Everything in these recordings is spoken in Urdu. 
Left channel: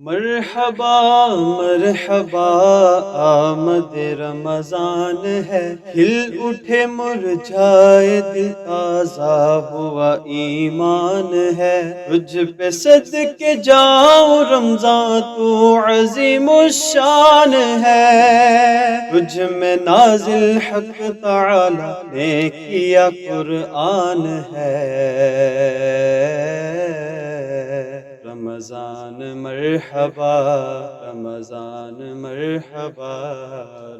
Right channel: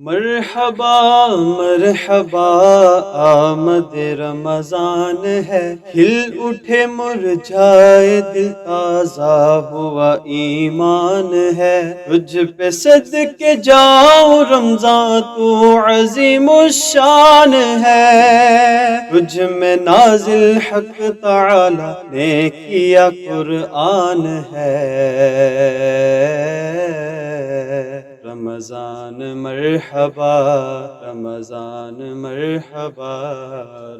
مرحبا مرحبا آمد رمضان ہے، کھل اٹھے مرجھائے دل، تازہ ہوا ایمان ہے۔ تجھ پہ صدقے جاؤں رمضان، تو عظیم الشان ہے۔ تجھ میں نازل حق تعالی نے کیا قرآن ہے۔ رمضان مرحبا رمضان مرحبا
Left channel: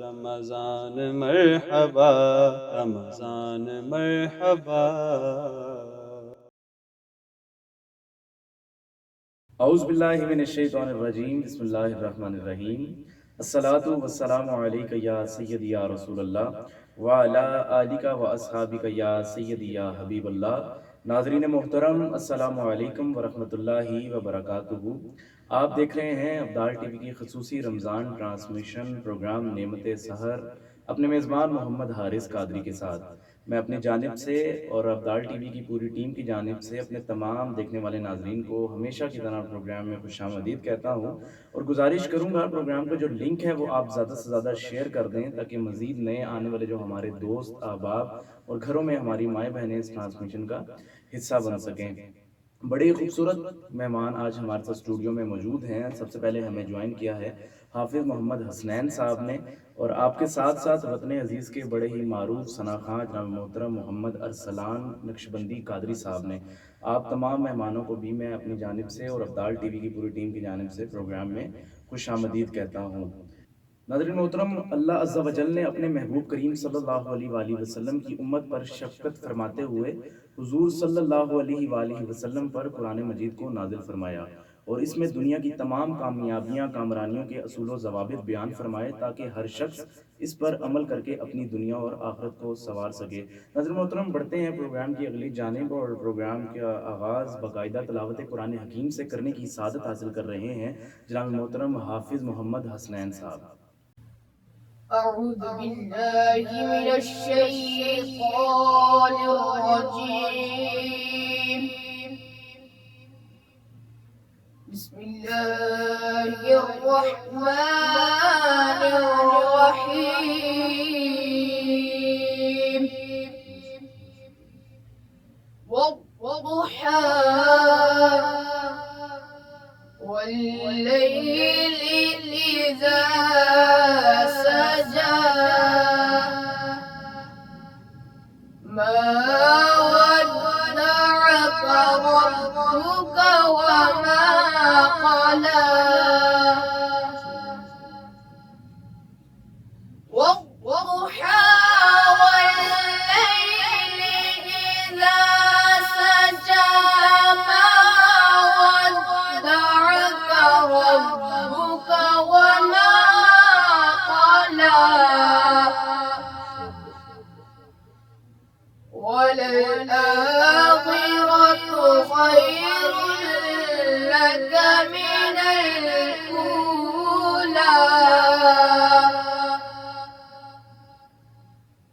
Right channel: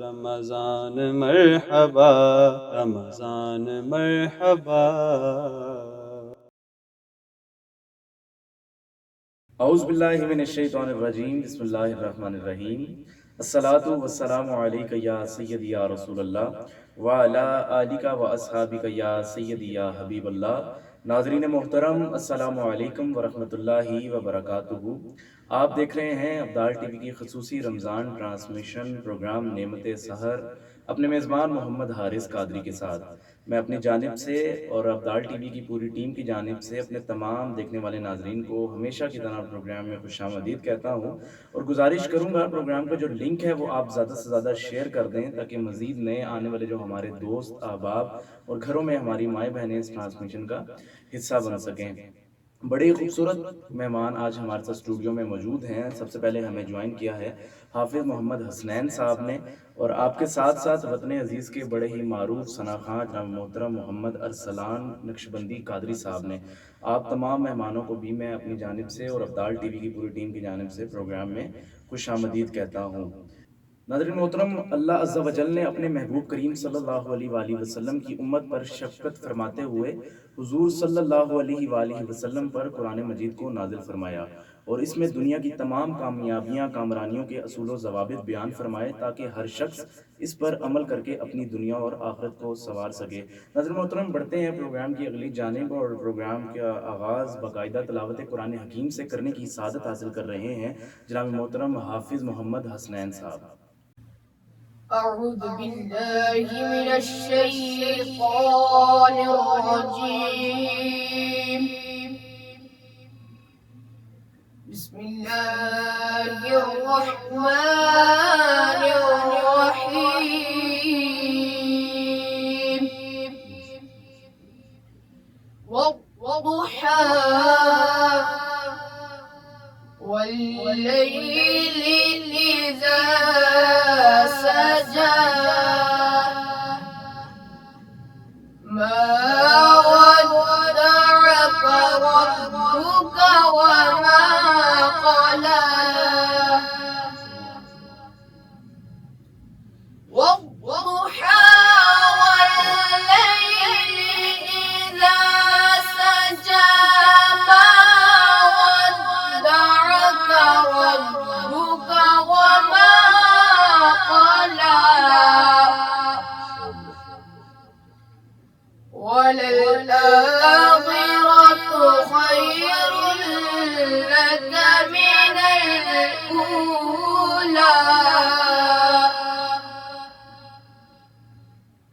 رمضان مرحبا رمضان مرحبا۔ اعوذ باللہ من الشیطان الرجیم، بسم اللہ الرحمن الرحیم۔ الصلاۃ والسلام علیک یا سیدی یا رسول اللہ وعلی آلک و اصحابک یا سیدی یا حبیب اللہ۔ ناظرین محترم، السلام علیکم ورحمۃ اللہ وبرکاتہ۔ آپ دیکھ رہے ہیں ابدال ٹی وی کی خصوصی رمضان ٹرانسمیشن پروگرام نعمت سحر، اپنے میزبان محمد حارث قادری کے ساتھ۔ میں اپنی جانب سے اور ابدال ٹی وی کی پوری ٹیم کی جانب سے اپنے تمام دیکھنے والے ناظرین کو ہمیشہ کی طرح پروگرام میں خوش آمدید کہتا ہوں، اور گزارش کروں گا پروگرام کا جو لنک ہے وہ آپ زیادہ سے زیادہ شیئر کر دیں، تاکہ مزید نئے آنے والے جو ہمارے دوست احباب اور گھروں میں ہماری مائیں بہنیں اس ٹرانسمیشن کا حصہ بن سکیں۔ بڑے ہی خوبصورت مہمان آج ہمارے ساتھ اسٹوڈیو میں موجود ہیں۔ سب سے پہلے ہمیں جوائن کیا ہے حافظ محمد حسنین صاحب نے، اور آپ کے ساتھ ساتھ وطن عزیز کے بڑے ہی معروف ثناخواں جناب محترم محمد ارسلان نقشبندی قادری صاحب نے۔ آپ تمام مہمانوں کو بھی میں اپنی جانب سے اور ابدال ٹی وی کی پوری ٹیم کی جانب سے پروگرام میں خوش آمدید کہتا ہوں۔ ناظرین محترم، اللہ عز و جل نے اپنے محبوب کریم صلی اللہ علیہ وآلہ وسلم کی امت پر شفقت فرماتے ہوئے حضور صلی اللہ علیہ وآلہ وسلم پر قرآن مجید کو نازل فرمایا، اور اس میں دنیا کی تمام کامیابیاں کامرانیوں کے اصول و ضوابط بیان فرمائے، تاکہ ہر شخص اس پر عمل کر کے اپنی دنیا اور آخرت کو سنوار سکے۔ ناظرین محترم، بڑھتے ہیں پروگرام کی اگلی جانب، اور پروگرام کا آغاز باقاعدہ تلاوت قرآن حکیم سے کرنے کی سعادت حاصل کر رہے ہیں جناب محترم حافظ محمد حسنین صاحب۔ أعوذ بالله من الشيطان الرجيم. بسم الله الرحمن الرحيم. والضحى والليل إذا سجى ما ودعك ربك وما قلى والضحى والليل إذا سجى ما ودعك ربك وما قلى وللآخرة خير لك من الأولى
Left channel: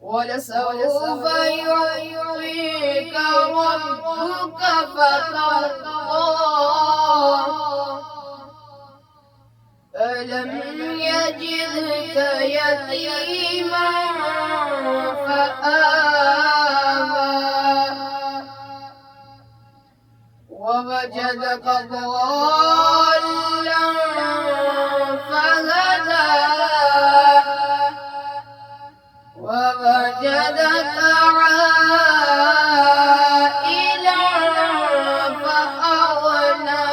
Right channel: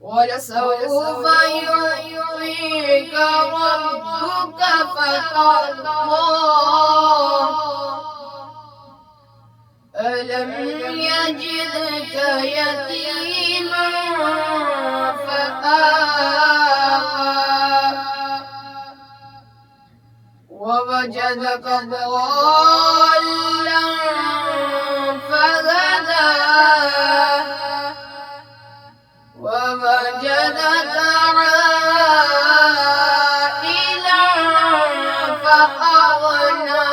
ولسوف يعطيك ربك فترضى ألم يجدك يتيما فآوى ووجدك ضالا فهدى ووجدك عائلا فأغنى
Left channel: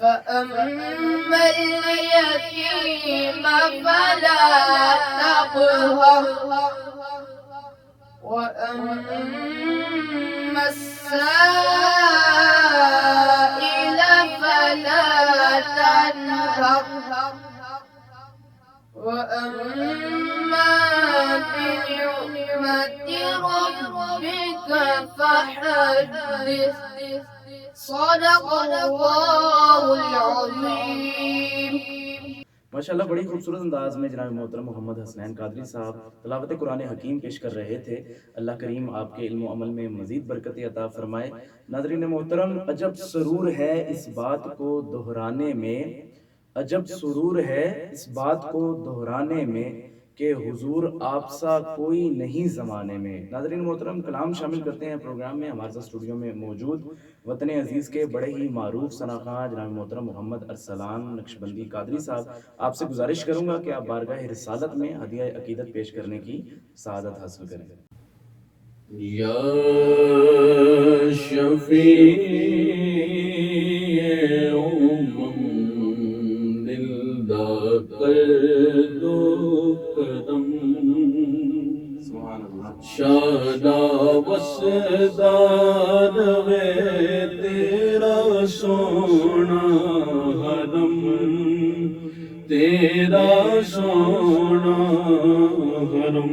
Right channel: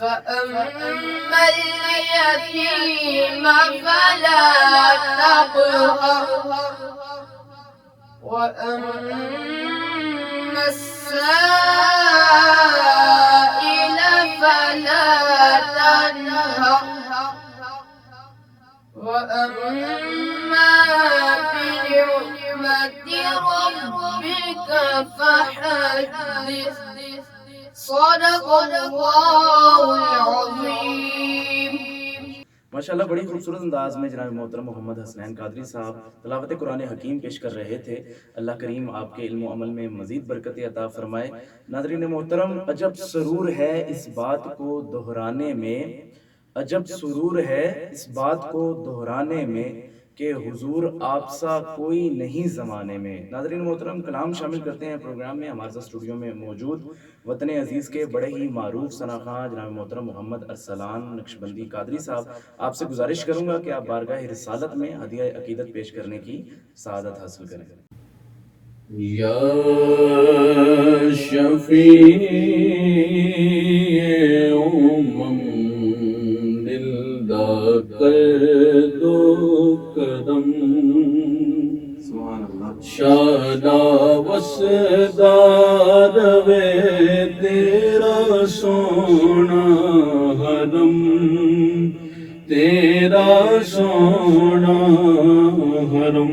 فأما اليتيم فلا تقهر وأما السائل فلا تنهر وأما بنعمة ربك فحدث صدق الله العظيم. ماشاءاللہ بڑی خوبصورت انداز میں جناب محترم محمد حسنین قادری صاحب تلاوت قرآن حکیم پیش کر رہے تھے. اللہ کریم آپ کے علم و عمل میں مزید برکت عطا فرمائے. ناظرین محترم، عجب سرور ہے اس بات کو دہرانے میں، عجب سرور ہے اس بات کو دہرانے میں کہ حضور آپ سا کوئی نہیں زمانے میں. ناظرین محترم، کلام شامل کرتے ہیں پروگرام میں ہمارے ساتھ اسٹوڈیو میں موجود وطن عزیز کے بڑے ہی معروف ثناخواں جناب محترم محمد ارسلان نقشبندی قادری صاحب. آپ سے گزارش کروں گا کہ آپ بارگاہ رسالت میں ہدیہ عقیدت پیش کرنے کی سعادت حاصل کریں. یا شفیع امم دلدا کر دو کرم، شادا وسدار وے تیرا سونا حرم، تیرا سونا حرم.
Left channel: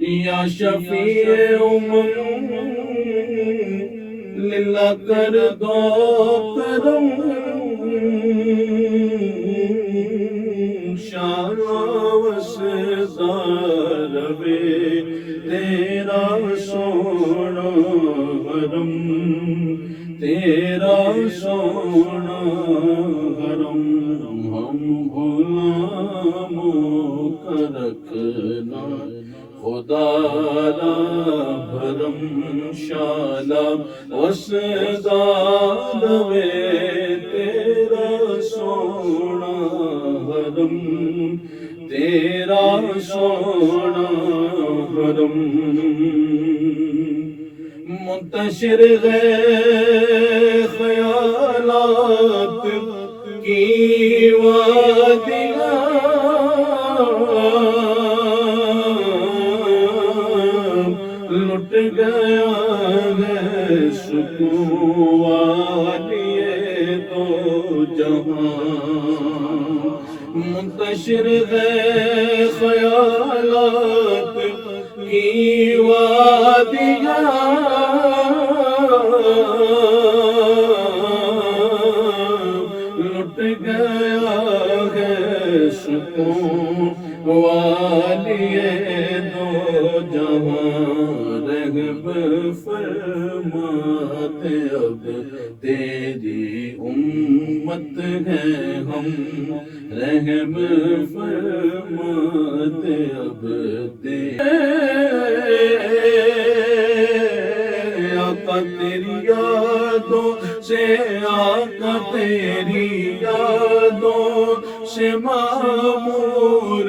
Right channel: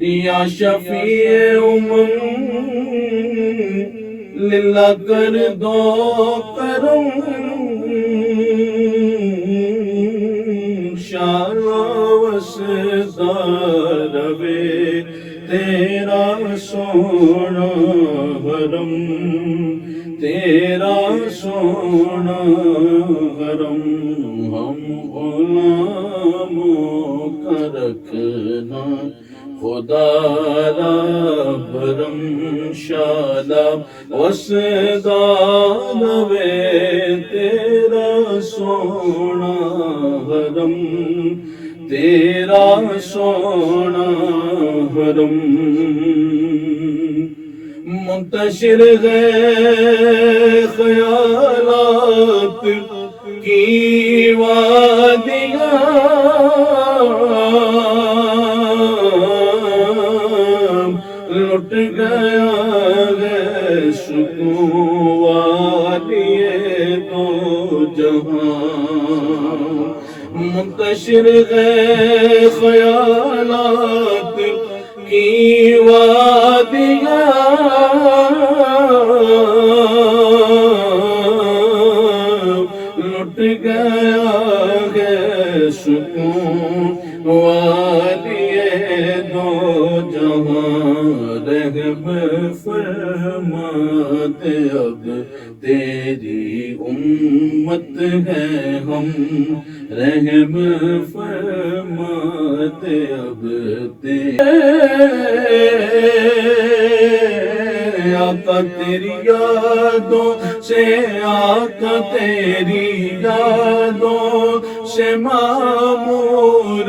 یا شفیع امم للہ کر دو کرم، شان وسدار وے تیرا سونا حرم، تیرا سونا حرم. ہم غلاموں کا رکھنا خدا را بھرم، شالا وسدار وے تیرا سونا حرم، تیرا سونا حرم. منتشر گئے خیالات کی وادیاں، لٹ گیا ہے سکون والی دو جہاں. منتشر ہے خیالات کی وادیاں، لٹ گیا ہے سکون والی دو جہاں. رحم فرماتے اب تیری امت ہے ہم، رحم فرماتے اب آقا تیری یادوں سے، آقا تیری یادوں سے معمور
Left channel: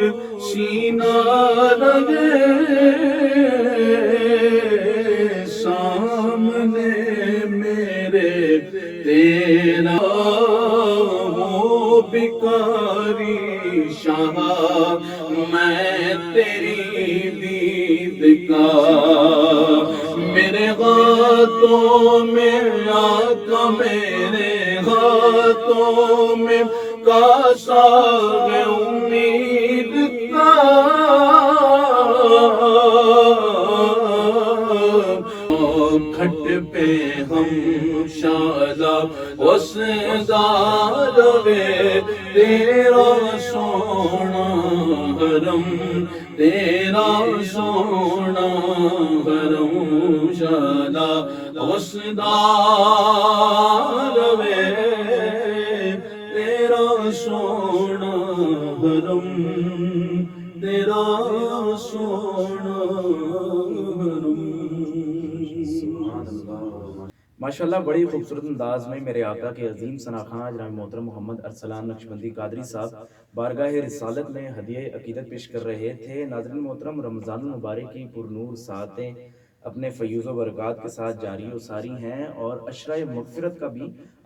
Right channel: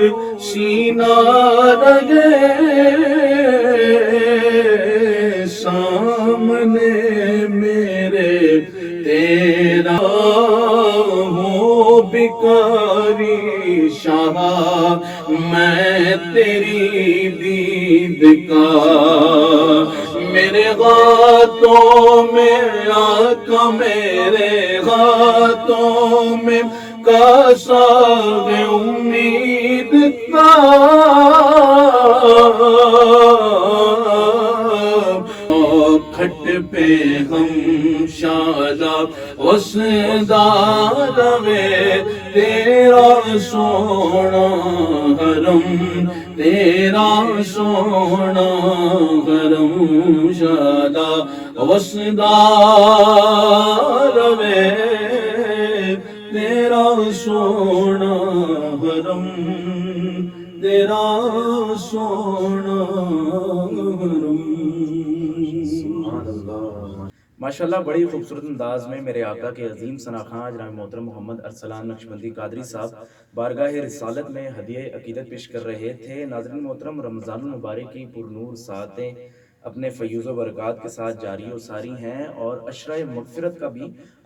سینہ رگے، سامنے میرے تیرا ہو بکاری شاہ، میں تیری دید کا. میرے ہاتھوں میں آقا، میرے ہاتھوں میں کاسا ہے امید کا. کھٹ پہ ہم شالا وسدار وے تیرا سونا حرم، تیرا سونا حرم. شالا وسدار وے تیرا سونا حرم، تیرا سونا حرم. ماشاءاللہ بڑی خوبصورت انداز میں میرے آقا کے عظیم ثناخواں جناب محترم محمد ارسلان نقشبندی قادری صاحب بارگاہ رسالت میں ہدیہ عقیدت پیش کر رہے تھے. ناظرین محترم، رمضان المبارک کی پرنور ساعتیں اپنے فیوز و برکات کے ساتھ جاری و ساری ہیں، اور عشرہ مغفرت کا بھی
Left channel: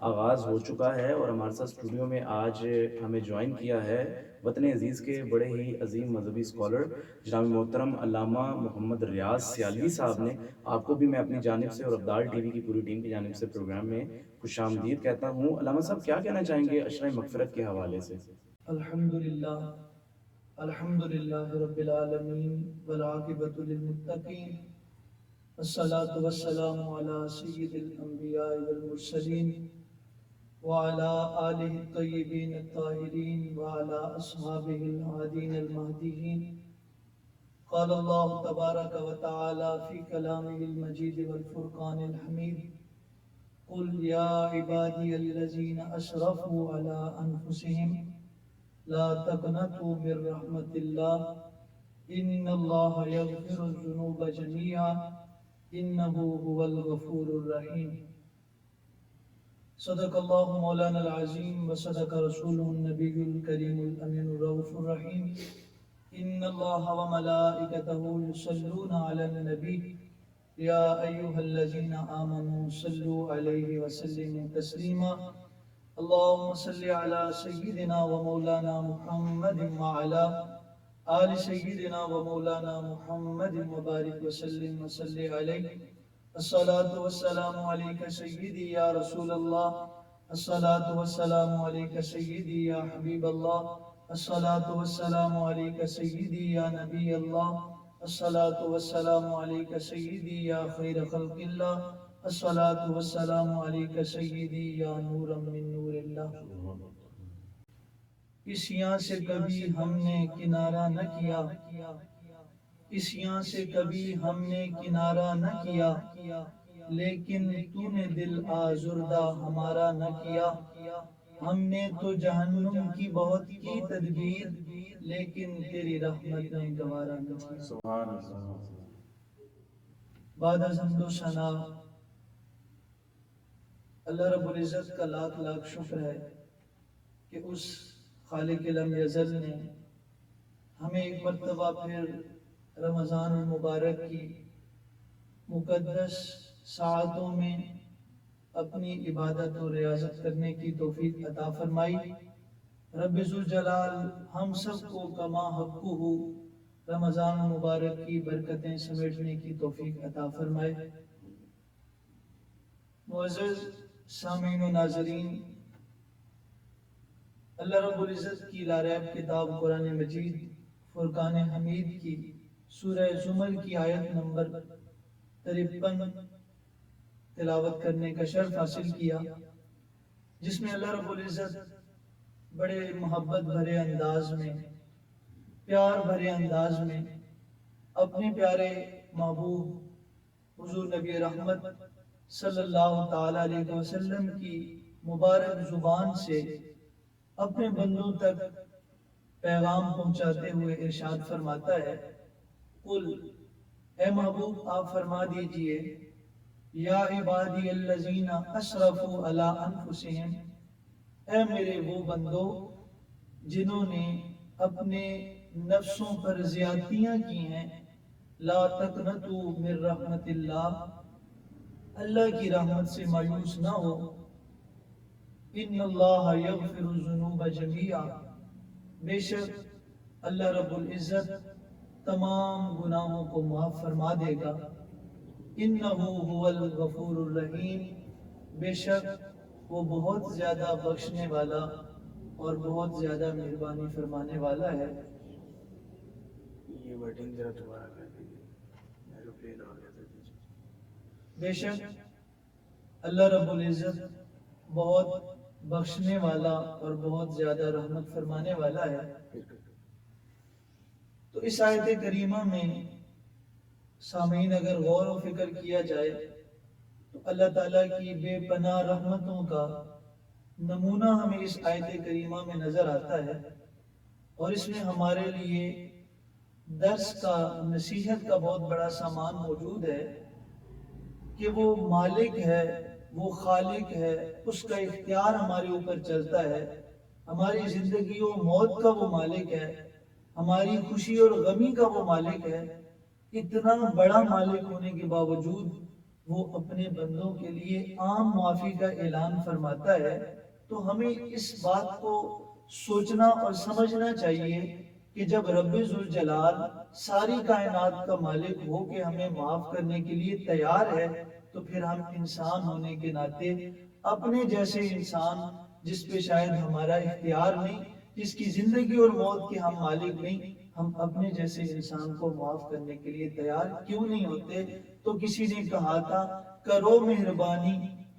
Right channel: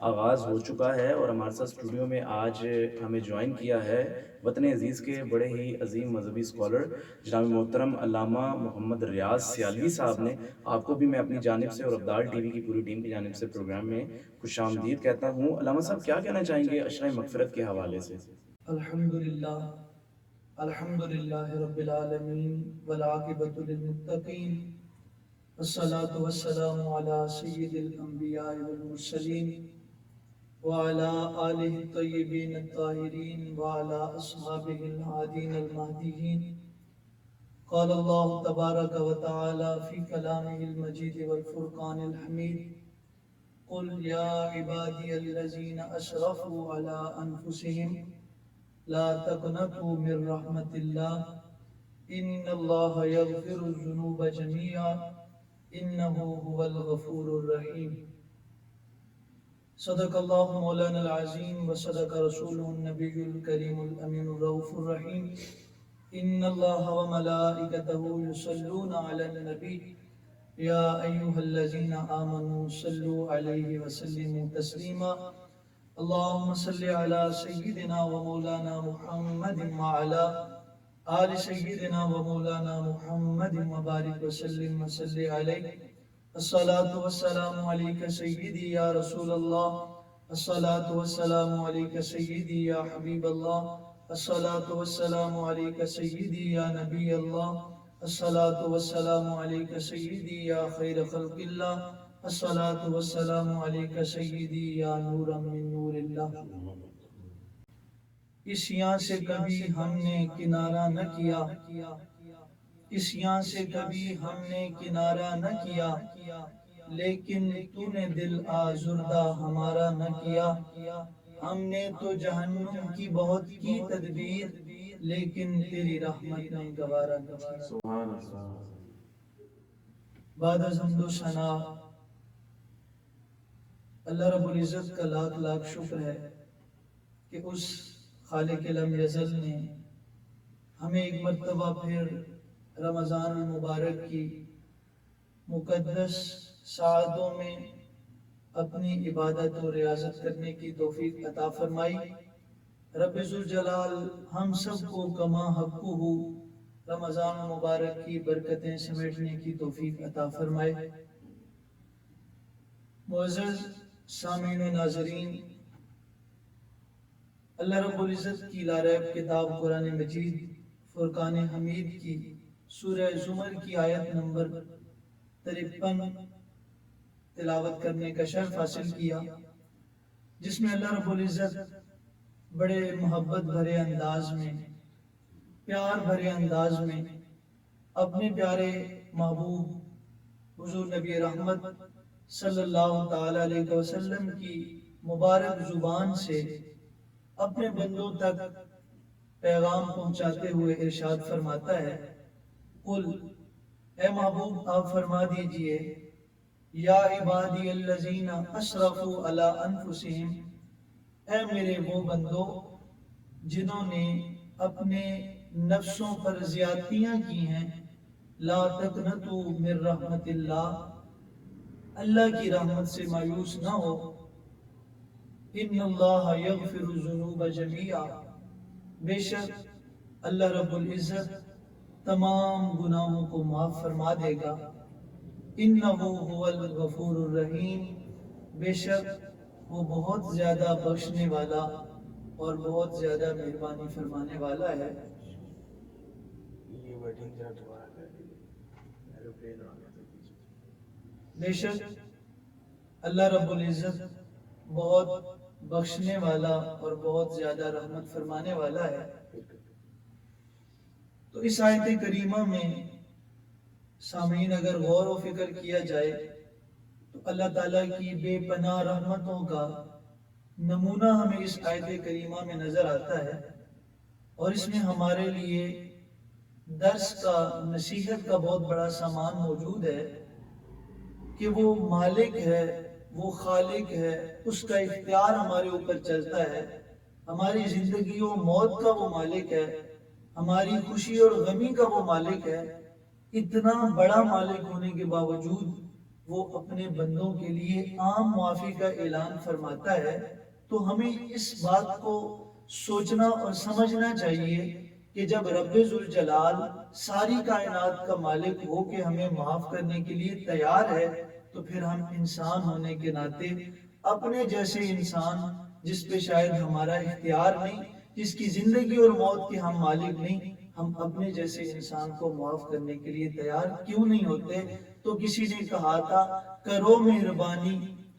آغاز ہو چکا ہے. اور ہمارے ساتھ اسٹوڈیو میں آج ہمیں جوائن کیا ہے وطن عزیز کے بڑے ہی عظیم مذہبی اسکالر جناب محترم علامہ محمد ریاض سیالوی صاحب نے. آپ کو بھی میں اپنی جانب سے اور ابدال ٹی وی کی پوری ٹیم کی جانب سے پروگرام میں خوش آمدید کہتا ہوں. علامہ صاحب کیا کہنا چاہیں گے عشرہ مغفرت کے حوالے سے؟ الحمدللہ، الحمدللہ رب العالمین والعاقبۃ للمتقین، والصلاة والسلام علی سید الانبیاء والمرسلین وعلى آله الطيبين الطاهرين وعلى أصحابه الهادين المهديين. قال الله تبارك وتعالى في كلامه المجيد والفرقان الحميد: قل يا عبادي الذين أسرفوا على أنفسهم لا تقنطوا من رحمة الله إن الله يغفر الذنوب جميعا إنه هو الغفور الرحيم. صدق الله مولانا العظيم وصدق رسوله النبي الكريم الأمين الرؤوف الرحيم. إن الله وملائكته يصلون على النبي يا أيها الذين آمنوا صلوا عليه وسلموا تسليما. اللهم صل على سيدنا ومولانا محمد وعلى آل سيدنا ومولانا محمد وبارك وسلم وصل عليه. الصلاة والسلام عليك سيدي يا رسول الله، الصلاة والسلام عليك سيدي يا حبيب الله، الصلاة والسلام عليك سيدي يا نبي الله، الصلاة والسلام عليك سيدي يا خير خلق الله، الصلاة والسلام عليك سيدي يا نورا من نور الله. اس یہاں سے کبھی ہم نے کنارہ نہ کیا، اس یہاں سے کبھی ہم نے کنارہ نہ کیا، لیکن تو نے دل آزردہ ہمارا نہ کیا. ہم نے تو جہنم کی بہت کی تدبیر، لیکن تیری رحمت نے گوارا نہ کیا. بعد از حمد و ثنا اللہ رب العزت کا لاکھ لاکھ شکر ہے کہ اس خالق لم یزل نے ہمیں ایک مرتبہ پھر رمضان المبارک کی مقدس ساعتوں میں اپنی عبادت اور ریاضت کرنے کی توفیق عطا فرمائی. رب ذوالجلال ہم سب کو کما حقہ رمضان مبارک کی برکتیں سمیٹنے کی توفیق عطا فرمائے. معزز سامعین و ناظرین، اللہ رب العزت کی لاریب کتاب قرآن مجید فرقان حمید کی سورہ زمر کی آیت نمبر 53 تلاوت کرنے کا شرف حاصل کیا، جس میں اللہ رب العزت بڑے محبت بھرے انداز میں، پیار بھرے انداز میں اپنے پیارے محبوب حضور نبی رحمت صلی اللہ تعالی علیہ وسلم کی مبارک زبان سے اپنے بندوں تک پیغام پہنچاتے ہوئے ارشاد فرماتا ہے: قل، اے محبوب آپ فرما دیجئے، یا عبادی الذین اسرفوا علی انفسہم، اے میرے وہ بندوں جنہوں نے اپنے نفسوں پر زیادتیاں کی ہیں، لا تقنطوا من رحمت اللہ، اللہ کی رحمت سے مایوس نہ ہو. ان اللہ یغفر الذنوب جميعا، بے شک اللہ رب العزت تمام گناہوں کو معاف فرما دے گا. انہ هو الغفور الرحیم، بے شک وہ بہت زیادہ بخشنے والا اور بہت زیادہ مہربانی فرمانے والا ہے. یہ ورڈنگ ذرا دوبارہ کر دیجیے، ایروپلین آ گیا تھا. بے شک اللہ رب العزت بہت بخشنے والا اور بہت زیادہ رحمت فرمانے والا ہے. تو اس آیت کریمہ میں سامعین اگر غور و فکر کیا جائے تو اللہ تعالیٰ کی بے پناہ رحمتوں کا نمونہ ہمیں اس آیت کریمہ میں نظر آتا ہے، اور اس میں ہمارے لیے درس کا، نصیحت کا بہت بڑا سامان موجود ہے کہ وہ مالک ہے، وہ خالق ہے، اس کا اختیار ہمارے اوپر چلتا ہے. ہماری زندگی و موت کا وہ مالک ہے، ہماری خوشی اور غمی کا وہ مالک ہے. اتنا بڑا مالک ہونے کے باوجود وہ اپنے بندوں کے لیے عام معافی کا اعلان فرماتا ہے. تو ہمیں اس بات کو سوچنا اور سمجھنا چاہیے کہ جب رب ذوالجلال ساری کائنات کا مالک ہو کے ہمیں معاف کرنے کے لیے تیار ہے، تو پھر ہم انسان ہونے کے ناطے اپنے جیسے انسان جس پہ شاید ہمارا اختیار نہیں، جس کی زندگی اور موت کے ہم مالک نہیں، ہم اپنے جیسے انسان کو معاف کرنے کے لیے تیار کیوں نہیں ہوتے؟ تو کسی نے کہا تھا کرو مہربانی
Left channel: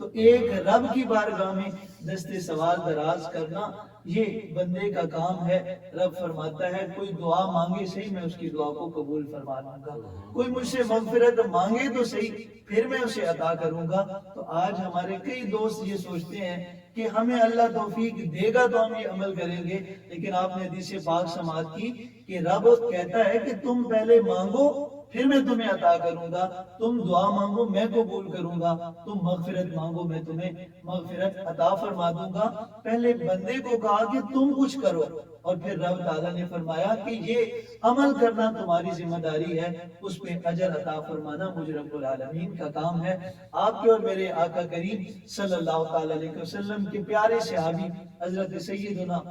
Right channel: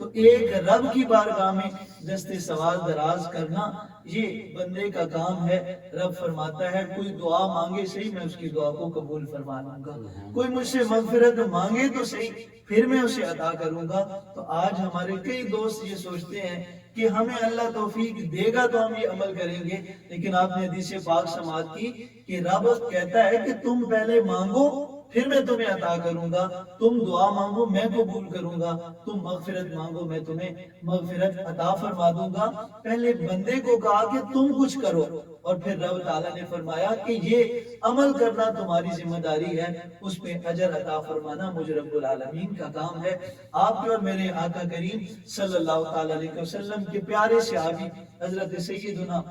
تو ایک رب کی بارگاہ میں دستے سوال دراز کرنا یہ بندے کا کام ہے۔ رب فرماتا ہے کوئی دعا مانگے صحیح، میں اس کی دعا کو قبول فرما لوں گا، کوئی مجھ سے مغفرت مانگے تو صحیح، پھر میں اسے عطا کروں گا۔ تو آج ہمارے کئی دوست یہ سوچتے ہیں کہ ہمیں اللہ توفیق دے گا تو ہم یہ عمل کریں گے، لیکن آپ نے حدیث پاک سماعت کی کہ رب کہتا ہے کہ تم پہلے مانگو پھر میں تمہیں عطا کروں گا، تم دعا مانگو میں قبول کروں گا، تم مغفرت مانگو میں تمہیں مغفرت عطا فرما دوں گا۔ پہلے بندے کو کہا کہ تم کچھ کرو، اور پھر رب تعالیٰ نے فرمایا کہ یہ عمل کرنا تمہاری ذمہ داری ہے، اس پہ اجر عطا فرمانا مجھ رب العالمین کا کام ہے۔ آپ کے اور میرے آقا کریم صلی اللہ تعالیٰ علیہ وسلم کے پیارے صحابی حضرت سیدنا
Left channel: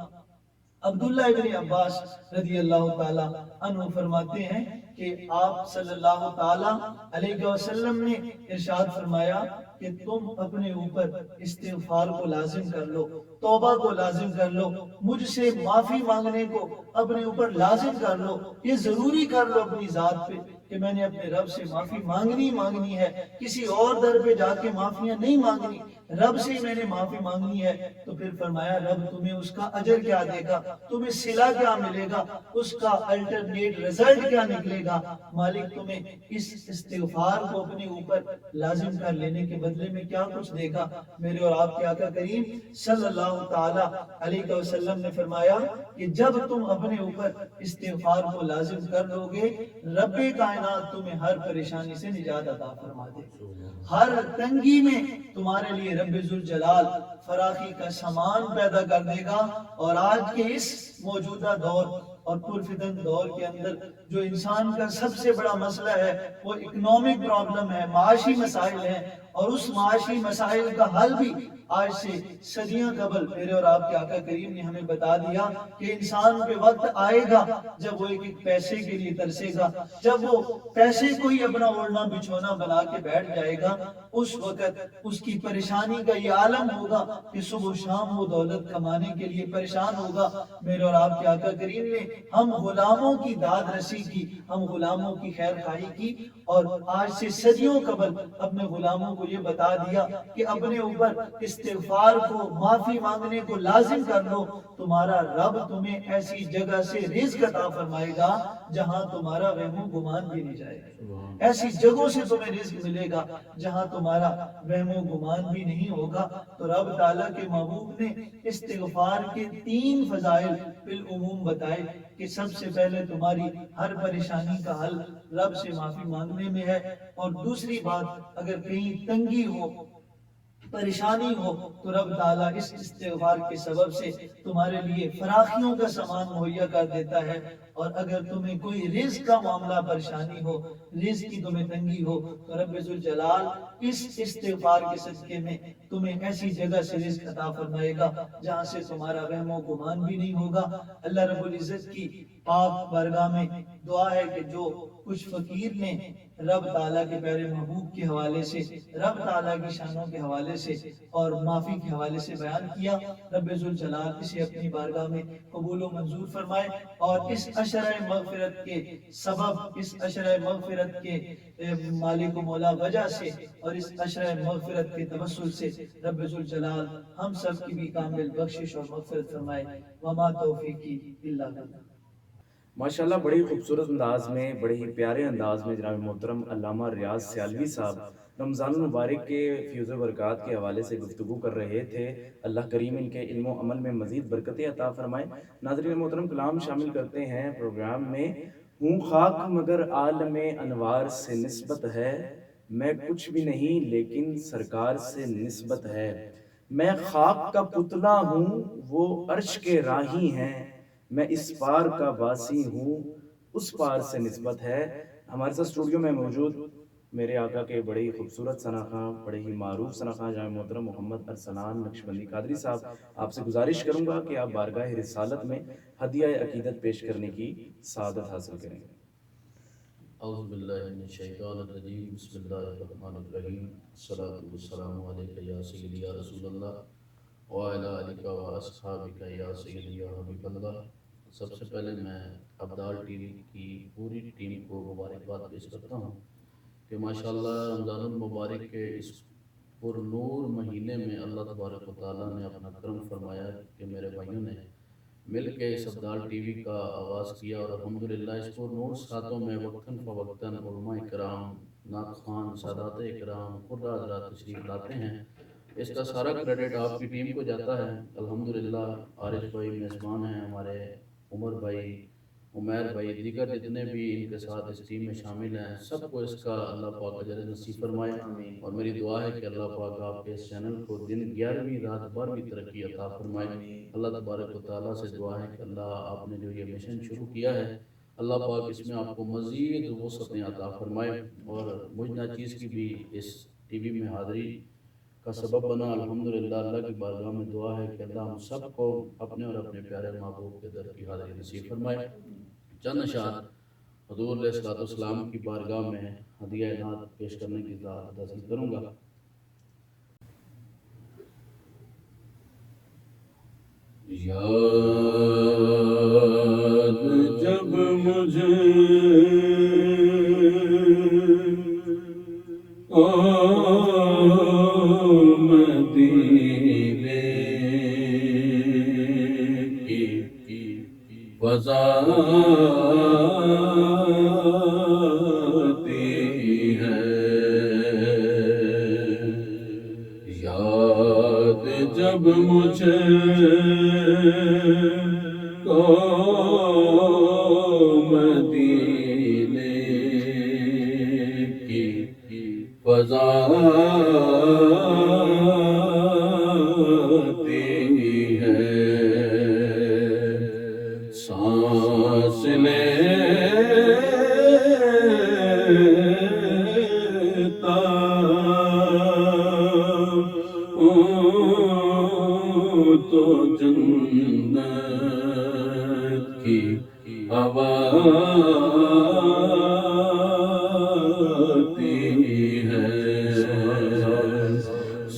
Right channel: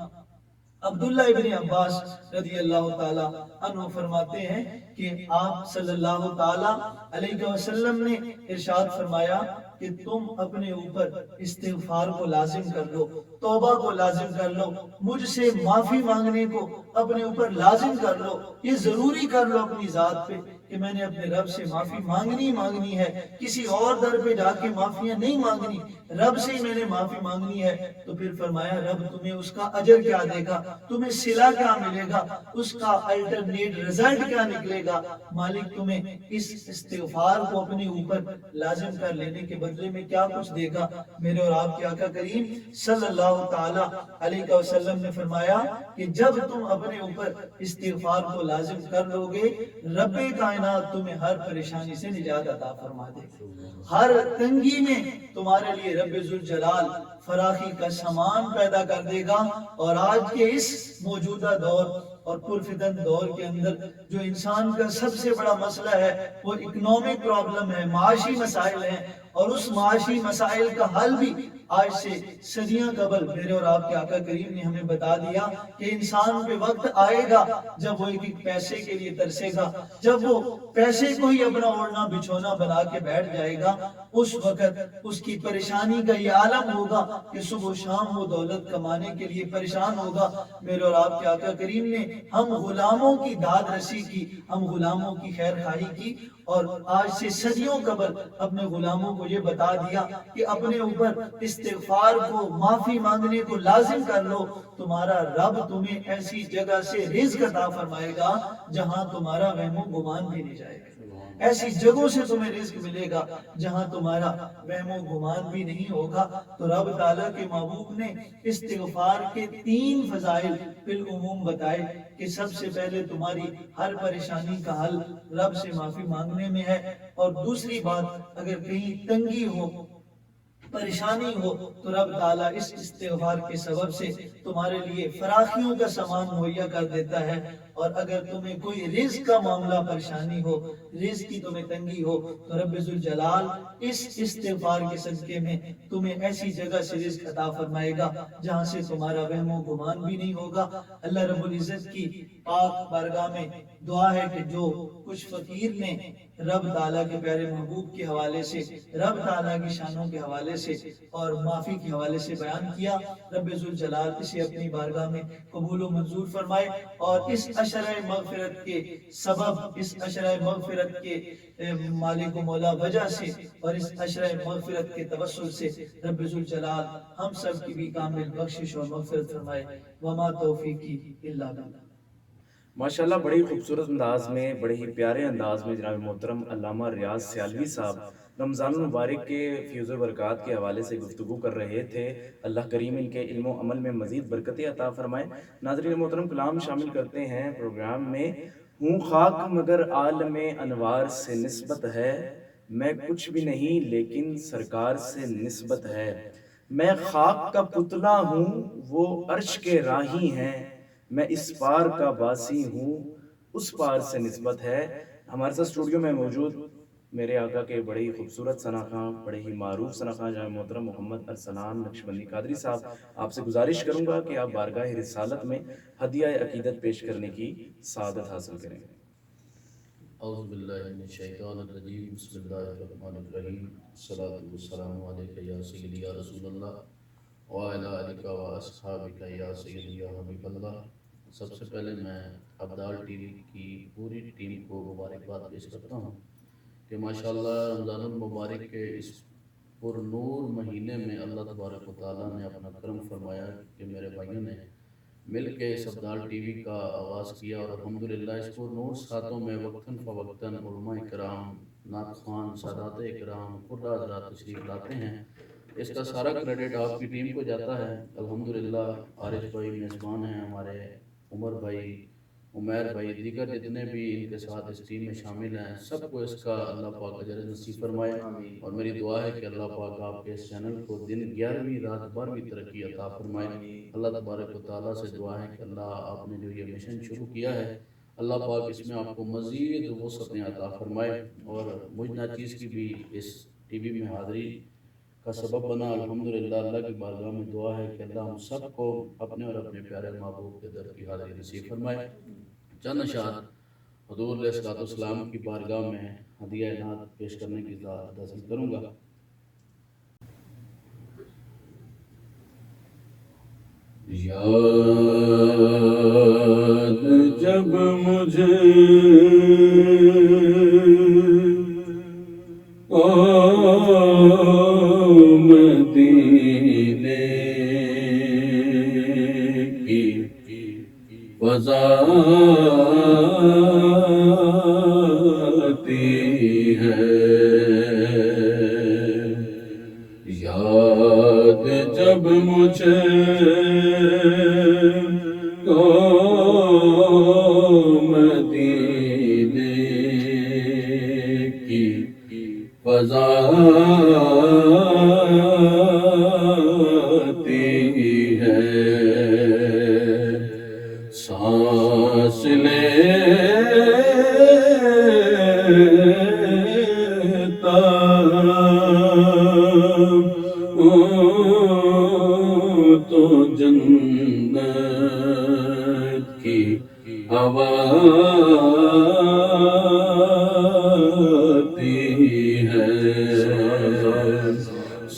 عبداللہ ابن عباس رضی اللہ تعالی عنہ فرماتے ہیں کہ آپ صلی اللہ تعالی علیہ وسلم نے ارشاد فرمایا کہ تم اپنے اوپر استغفار کو لازم کر لو، توبہ کو لازم کر لو، مجھ سے معافی مانگنے کو اپنے اوپر لازم کر لو، یہ ضروری کر لو اپنی ذات پہ کہ میں نے اپنے رب سے معافی مانگنی ہے، کسی اور در پہ جا کے معافیاں نہیں مانگنی، رب سے ہی میں نے معافی مانگنی ہے۔ تو پھر فرمایا رب تمہیں اس کا اجر کیا دے گا، تمہیں صلہ کیا ملے گا، اس کا الٹرنیٹ رزلٹ کیا نکلے گا، مالک تمہیں اس استغفار کو اپنے اوپر لازم کر لینے کے بدلے میں کیا کچھ دے گا۔ میرے اور آپ کے آقا کریم صلی اللہ تعالی علیہ وسلم نے فرمایا کہ جب تم اپنے اوپر استغفار کو لازم کر لو گے، رب کائنات تمہیں ہر پریشانی سے نجات عطا فرما دے گا، ہر تنگی میں تمہارے لیے رب ذوالجلال فراخی کا سامان پیدا کر دے گا۔ اور آج کے اس موجودہ دور اور پرفتن دور کے اندر جو انسان کا سب سے بڑا مسئلہ ہے وہ اکنامک پرابلم ہے، معاشی مسائل ہیں، اور اس معاشی مسائل کا حل بھی آج سے صدیاں قبل میرے اور آپ کے آقا کریم نے ہمیں بتا دیا کہ انسان پہ وقت آئے گا جب وہ ایک پیسے کے لیے ترسے گا، جب وہ پیسے کو ہی اپنا اوڑھنا بچھونا بنا کے بیٹھ جائے گا، اس وقت اس کی پریشانی کا یہ عالم ہوگا کہ صبح و شام وہ دولت کمانے کے لیے پریشان ہوگا۔ میرے اور آپ کے آقا کریم نے ہم غلاموں کی داد رسی کی، ہم غلاموں کی خیر خواہی کی، اور آج سے صدیوں قبل اپنے غلاموں کو یہ بتا دیا کہ اپنے اوپر استغفار کو، معافی مانگنے کو لازم کر لو، تمہارا رب تمہیں ایسی جگہ سے رزق عطا فرمائے گا جہاں تمہارا وہم و گمان بھی نہیں جائے گا، ایسی جگہوں سے تمہیں رزق ملے گا جہاں تمہارا وہم و گمان بھی نہیں ہوگا۔ تو رب تعالیٰ کے محبوب نے استغفار کے 3 فضائل بالعموم بتائے کہ سب سے پہلے تمہاری ہر پریشانی کا حل رب سے معافی مانگنے میں ہے، اور دوسری بات اگر کہیں تنگی ہو، پریشانی ہو، تو رب تعالیٰ اس استغفار کے سبب سے تمہارے لیے فراخیوں کا سامان مہیا کر دیتا ہے، اور اگر تمہیں کوئی رزق کا معاملہ پریشانی ہو، رزق کی تمہیں تنگی ہو، تو رب ذوالجلال اس استغفار کے صدقے میں تمہیں ایسی جگہ سے رزق عطا فرمائے گا جہاں سے تمہارا وہم و گمان بھی نہیں ہوگا۔ اللہ رب العزت کی پاک بارگاہ میں دعا ہے کہ جو کچھ فقیر نے رب تعالیٰ کے پیارے محبوب کے حوالے سے، رب تعالیٰ کی شانوں کے حوالے سے اور معافی کے حوالے سے بیان کیا، رب ذوالجلال اسے اپنی بارگاہ میں قبول و منظور فرمائے، اور اس عشرہ مغفرت کے سبب، اس عشرہ مغفرت کے مالک و مولا وجہ سے، اور اس عشرہ مغفرت کے توسل سے رب ذوالجلال ہم سب کی بھی کامل بخشش اور مغفرت فرمائے۔ وما توفیقی الا باللہ۔ ماشاءاللہ بڑی خوبصورت انداز میں، بڑے ہی پیارے انداز میں جناب محترم علامہ ریاض سیالوی صاحب رمضان المبارک کے فیوز و برکات کے حوالے سے گفتگو کر رہے تھے۔ اللہ کریم ان کے علم و عمل میں مزید برکتیں عطا فرمائے۔ ناظرین محترم، کلام شامل کرتے ہیں پروگرام میں۔ ہوں خاک مگر عالم انوار سے نسبت ہے، میں کچھ بھی نہیں لیکن سرکار سے نسبت ہے، میں خاک کا پتلا ہوں وہ عرش کے راہی ہیں، میں اس پار کا باسی ہوں اس پار سے نسبت ہے۔ ہمارے ساتھ اسٹوڈیو میں موجود میرے آقا کے بڑے ہی خوبصورت ثناخواں، بڑے ہی معروف ثناخواں جناب محترم محمد ارسلان نقشبندی قادری صاحب، آپ سے گزارش کروں گا کہ آپ بارگاہ رسالت میں ہدیہ عقیدت پیش کرنے کی سعادت حاصل کریں۔ اعوذ باللہ من الشیطان الرجیم، بسم اللہ الرحمن الرحیم، الصلاۃ والسلام علیک یا سیدی یا رسول اللہ وعلی آلک و اصحابک یا سیدی یا حبیب اللہ۔ سب سے پہلے میں ابدال ٹی وی کی پوری ٹیم کو مبارکباد پیش کرتا ہوں کہ ماشاءاللہ رمضان المبارک کے اس پر نور مہینے میں اللہ تبارک و تعالیٰ نے اپنا کرم فرمایا کہ میرے بھائیوں نے مل کے اس ابدال ٹی وی کا آغاز کیا، اور الحمدللہ اس کو نور ساتوں میں وقتاً فوقتاً علماء اکرام، نعت خوان، سادات اکرام، قرہ حضرات تشریف لاتے ہیں۔ اس کا سارا کریڈٹ آپ کی ٹیم کو جاتا ہے۔ الحمدللہ عارف بھائی میزبان ہیں ہمارے، عمر بھائی، عمیر بھائی، دیگر جتنے بھی ان کے ساتھ اس ٹیم میں شامل ہیں، سب کو اس کا اللہ پاک اجر نصیب فرمائے، اور میری دعا ہے کہ اللہ پاک آپ کے اس چینل کو دن 11ویں رات 12ویں ترقی عطا فرمائے۔ اللہ تبارک و تعالیٰ سے دعا ہے کہ اللہ آپ نے جو یہ مشن شروع کیا ہے، اللہ پاک اس میں آپ کو مزید وسعتیں عطا فرمائے، اور مجھ ناچیز کی بھی اس ٹی وی میں حاضری کا سبب بنا۔ الحمدللہ اللہ کی بارگاہ میں دعا ہے کہ اللہ ہم سب کو اپنے اور اپنے پیارے محبوب کے در کی حاضری نصیب فرمائے۔ چند اشعار حضور علیہ الصلوۃ والسلام کی بارگاہ میں ہدیہ عنایت پیش کرنے کی اجازت کروں گا۔ یاد جب مجھے مدینے کی فضا آتی ہے، یاد جب مجھے مدینے کی فضا آتی ہے، سانس لیتا تو جنت کی ہوا آتی ہے،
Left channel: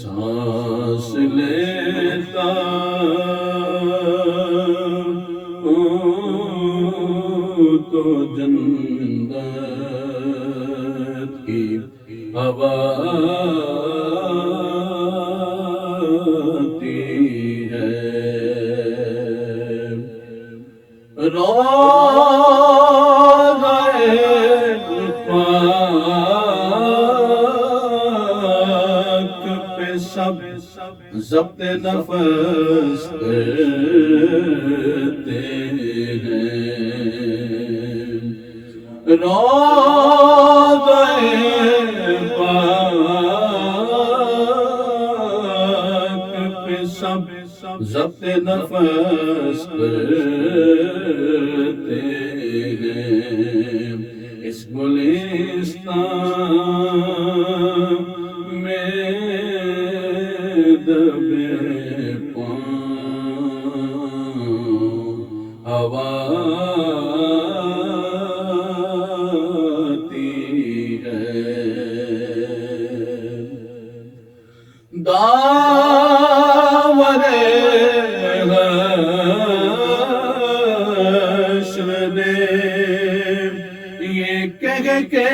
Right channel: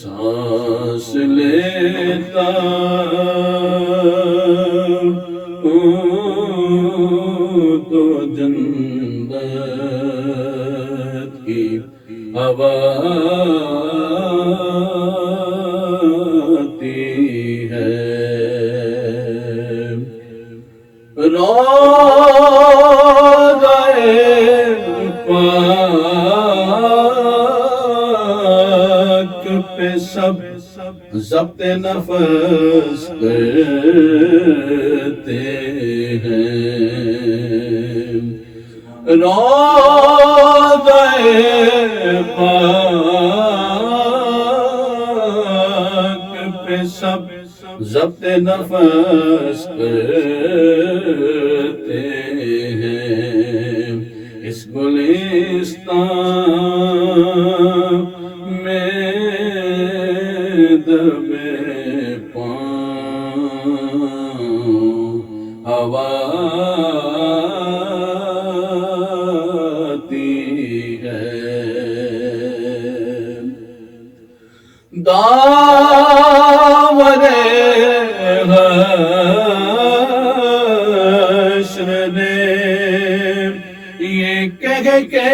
سانس لیتا تو جنت کی ہوا آتی ہے، روضۂ پاک پہ سب ضبط نفس کرتے ہیں، روضۂ پاک پہ سب ضبط نفس کرتے ہیں، اس گلستان میں دبے پاؤں ہوا آتی ہے، داور حشر نے یہ کہہ کے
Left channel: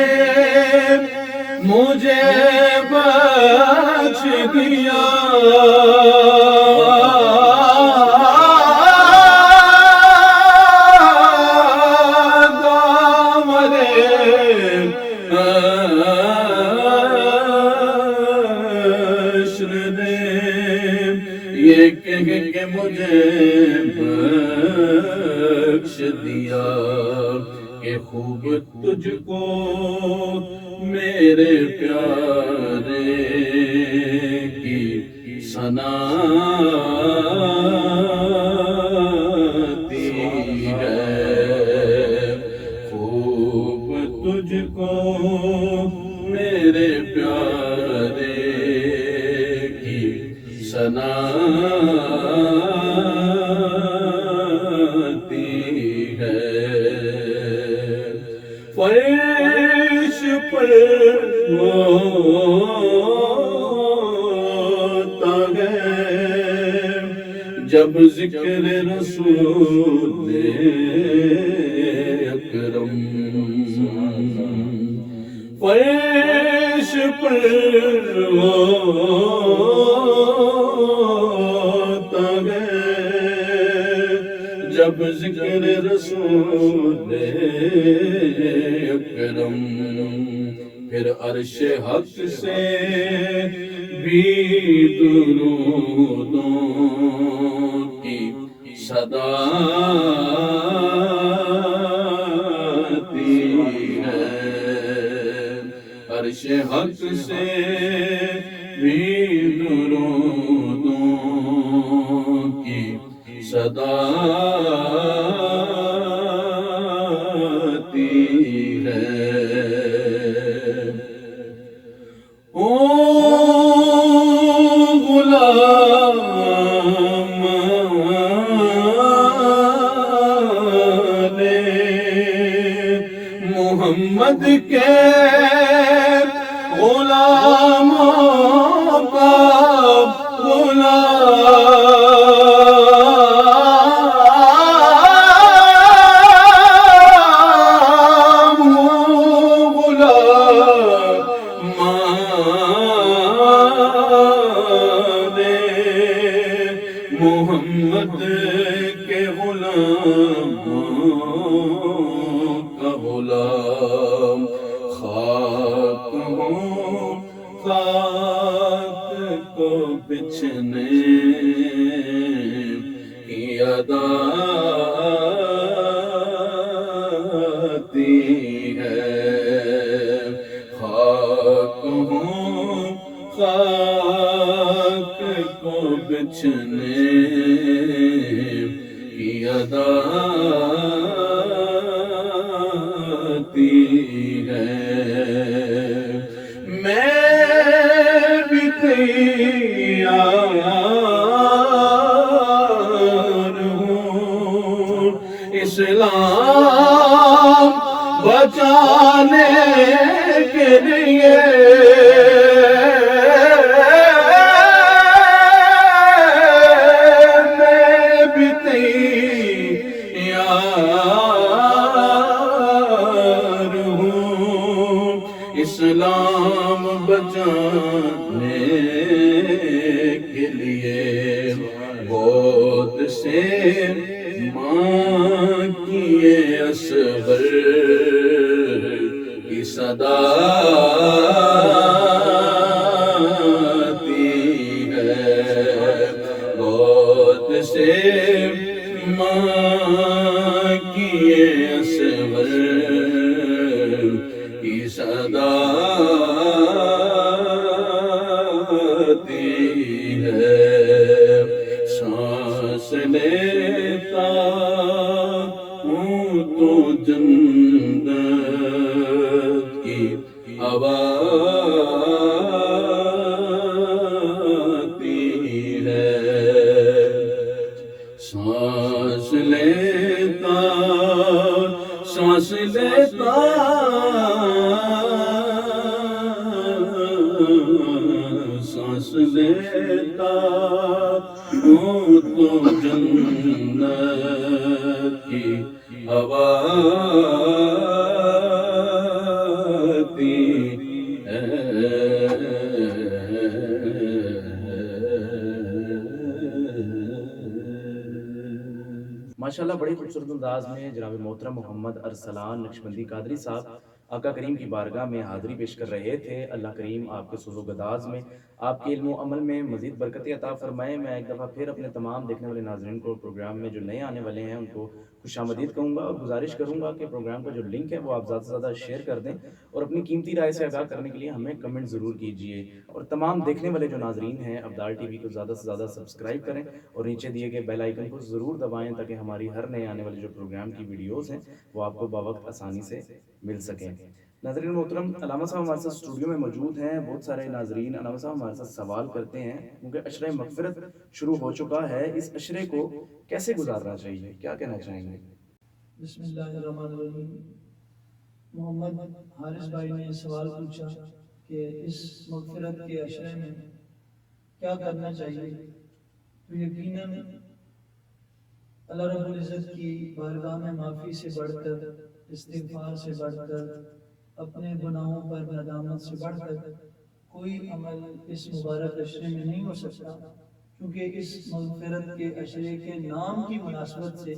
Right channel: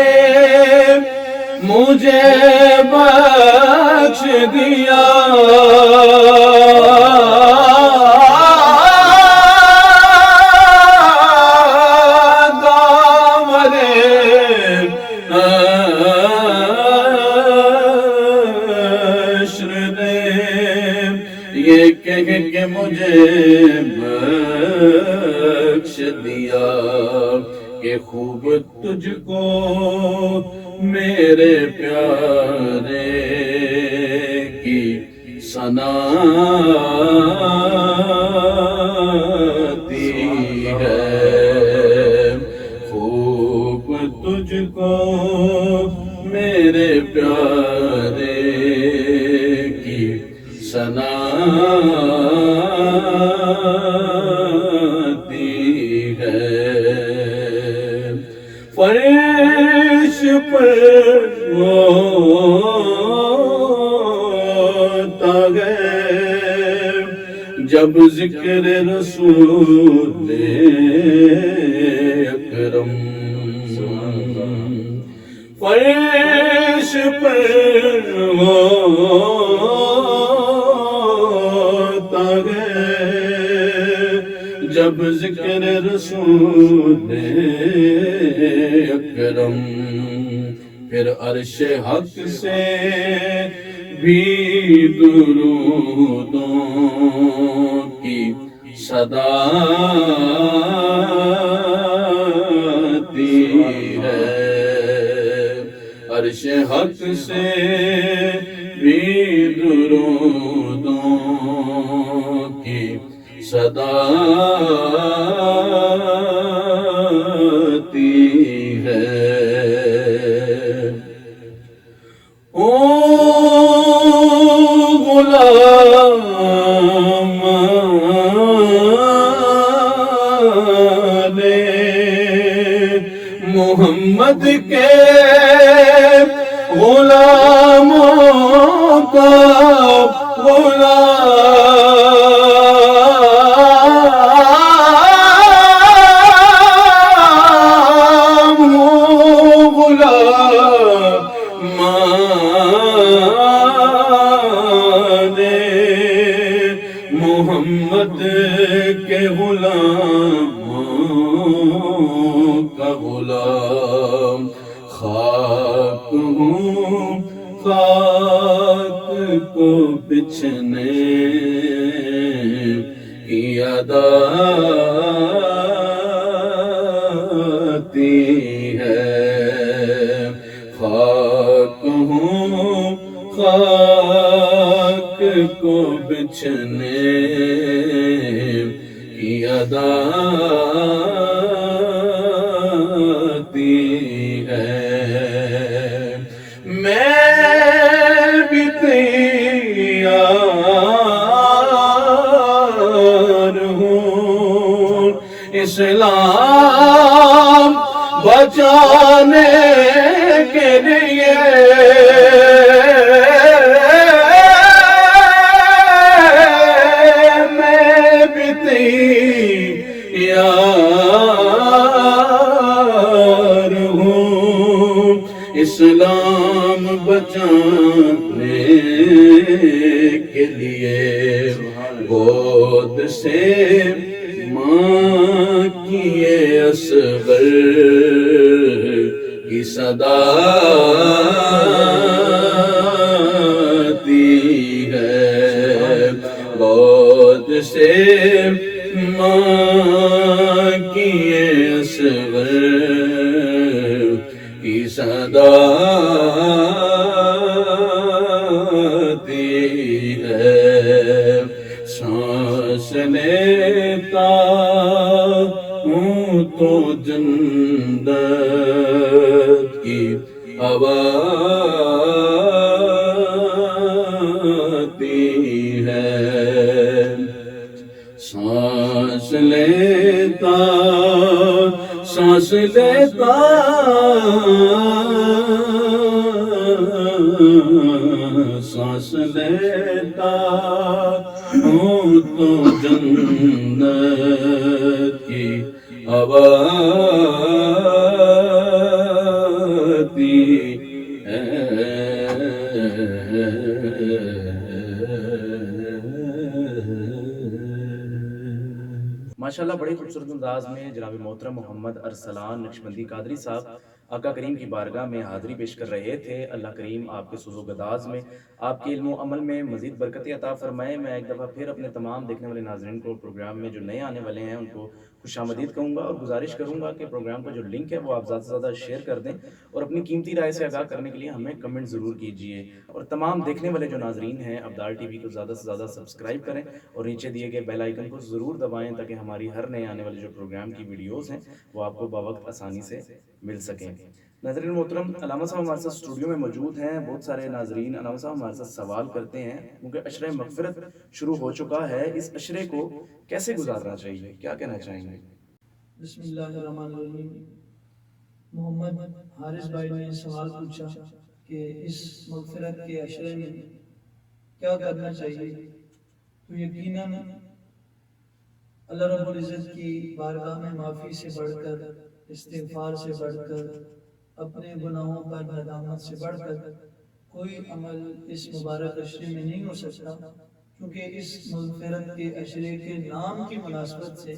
مجھے بخش دیا، داور حشر نے یہ کہہ کے مجھے بخش دیا کہ خوب تجھ کو میرے پیارے کی ثنا آتی ہے، خوب تجھ کو میرے پیارے کی ثنا آتی ہے، فرش پر ہوتا ہے جب ذکر رسول اکرم، فرش پر ہوتا ذکر رسول اکرم پھر عرش حق سے بھی درودوں کی صدا آتی ہے، عرش حق سے بھی درودوں کی صدا آتی ہے۔ او غلام محمد کے غلاموں کا غلام محمد کے غلاموں کا غلام خاک ہوں، خاک کو بچھنے کی ادا آتی ہے، خاک ہوں، خاک کو بچھنے کی ادا آتی ہے۔ میں بھی تیار ہوں اسلام بچانے کے لیے، اسلام بچانے کے لیے گود سے ماں کی اصغر کی صدا آتی ہے، گود سے ماں کی اصغر کی صدا آتی ہے، سانس لیتا ہوں تو جنت کی ہوا آتی ہے، سانس لیتا سانس لیتا سانس لیتا ہوں تو جنت کی ہوا آتی ہے۔ ماشاءاللہ بڑی خوبصورت انداز میں جناب محترم محمد ارسلان نقشبندی قادری صاحب آقا کریم کی بارگاہ میں حاضری پیش کر رہے تھے۔ اللہ کریم آپ کے سوز و گداز میں، آپ کے علم و عمل میں مزید برکت عطا فرمائے۔ میں ایک دفعہ پھر اپنے تمام دیکھنے والے ناظرین کو پروگرام میں جو نئے آنے والے ہیں ان کو خوش آمدید کہوں گا، اور گزارش کروں گا کہ پروگرام کا جو لنک ہے وہ آپ زیادہ سے زیادہ شیئر کر دیں، اور اپنی قیمتی رائے سے آگاہ کرنے کے لیے ہمیں کمنٹ ضرور کیجیے، اور تمام دیکھنے والے جو ناظرین ہیں ابدال ٹی وی کو زیادہ سے زیادہ سبسکرائب کریں، اور نیچے دیے گئے بیل آئیکن کو ضرور دبائیں تاکہ ہماری ہر نئے آنے والے جو پروگرام کی ویڈیوز ہیں وہ آپ کو بوقت آسانی سے مل سکیں۔ ناظرین محترم، علامہ صاحب ہمارے ساتھ اسٹوڈیو میں موجود ہیں۔ بہت سارے ناظرین علامہ صاحب ہمارے ساتھ سوال کرتے ہیں کیونکہ عشرہ مغفرت شروع ہو چکا ہے، اس عشرے کو کیسے گزارنا چاہیے، کیا کہنا چاہیں گے؟ بسم اللہ الرحمن الرحیم۔ محمد حارث بھائی نے سوال پوچھا کہ اس مغفرت کے عشرے میں کیا کرنا چاہیے، تو یقیناً اللہ رب العزت کی بارگاہ میں معافی سے بڑھ کر، استغفار سے بڑھ کر، اپنے گناہوں پر ندامت سے بڑھ کر کوئی عمل اس مبارک عشرے میں نہیں ہو سکتا، کیونکہ اس مغفرت کے عشرے کے نام کی مناسبت سے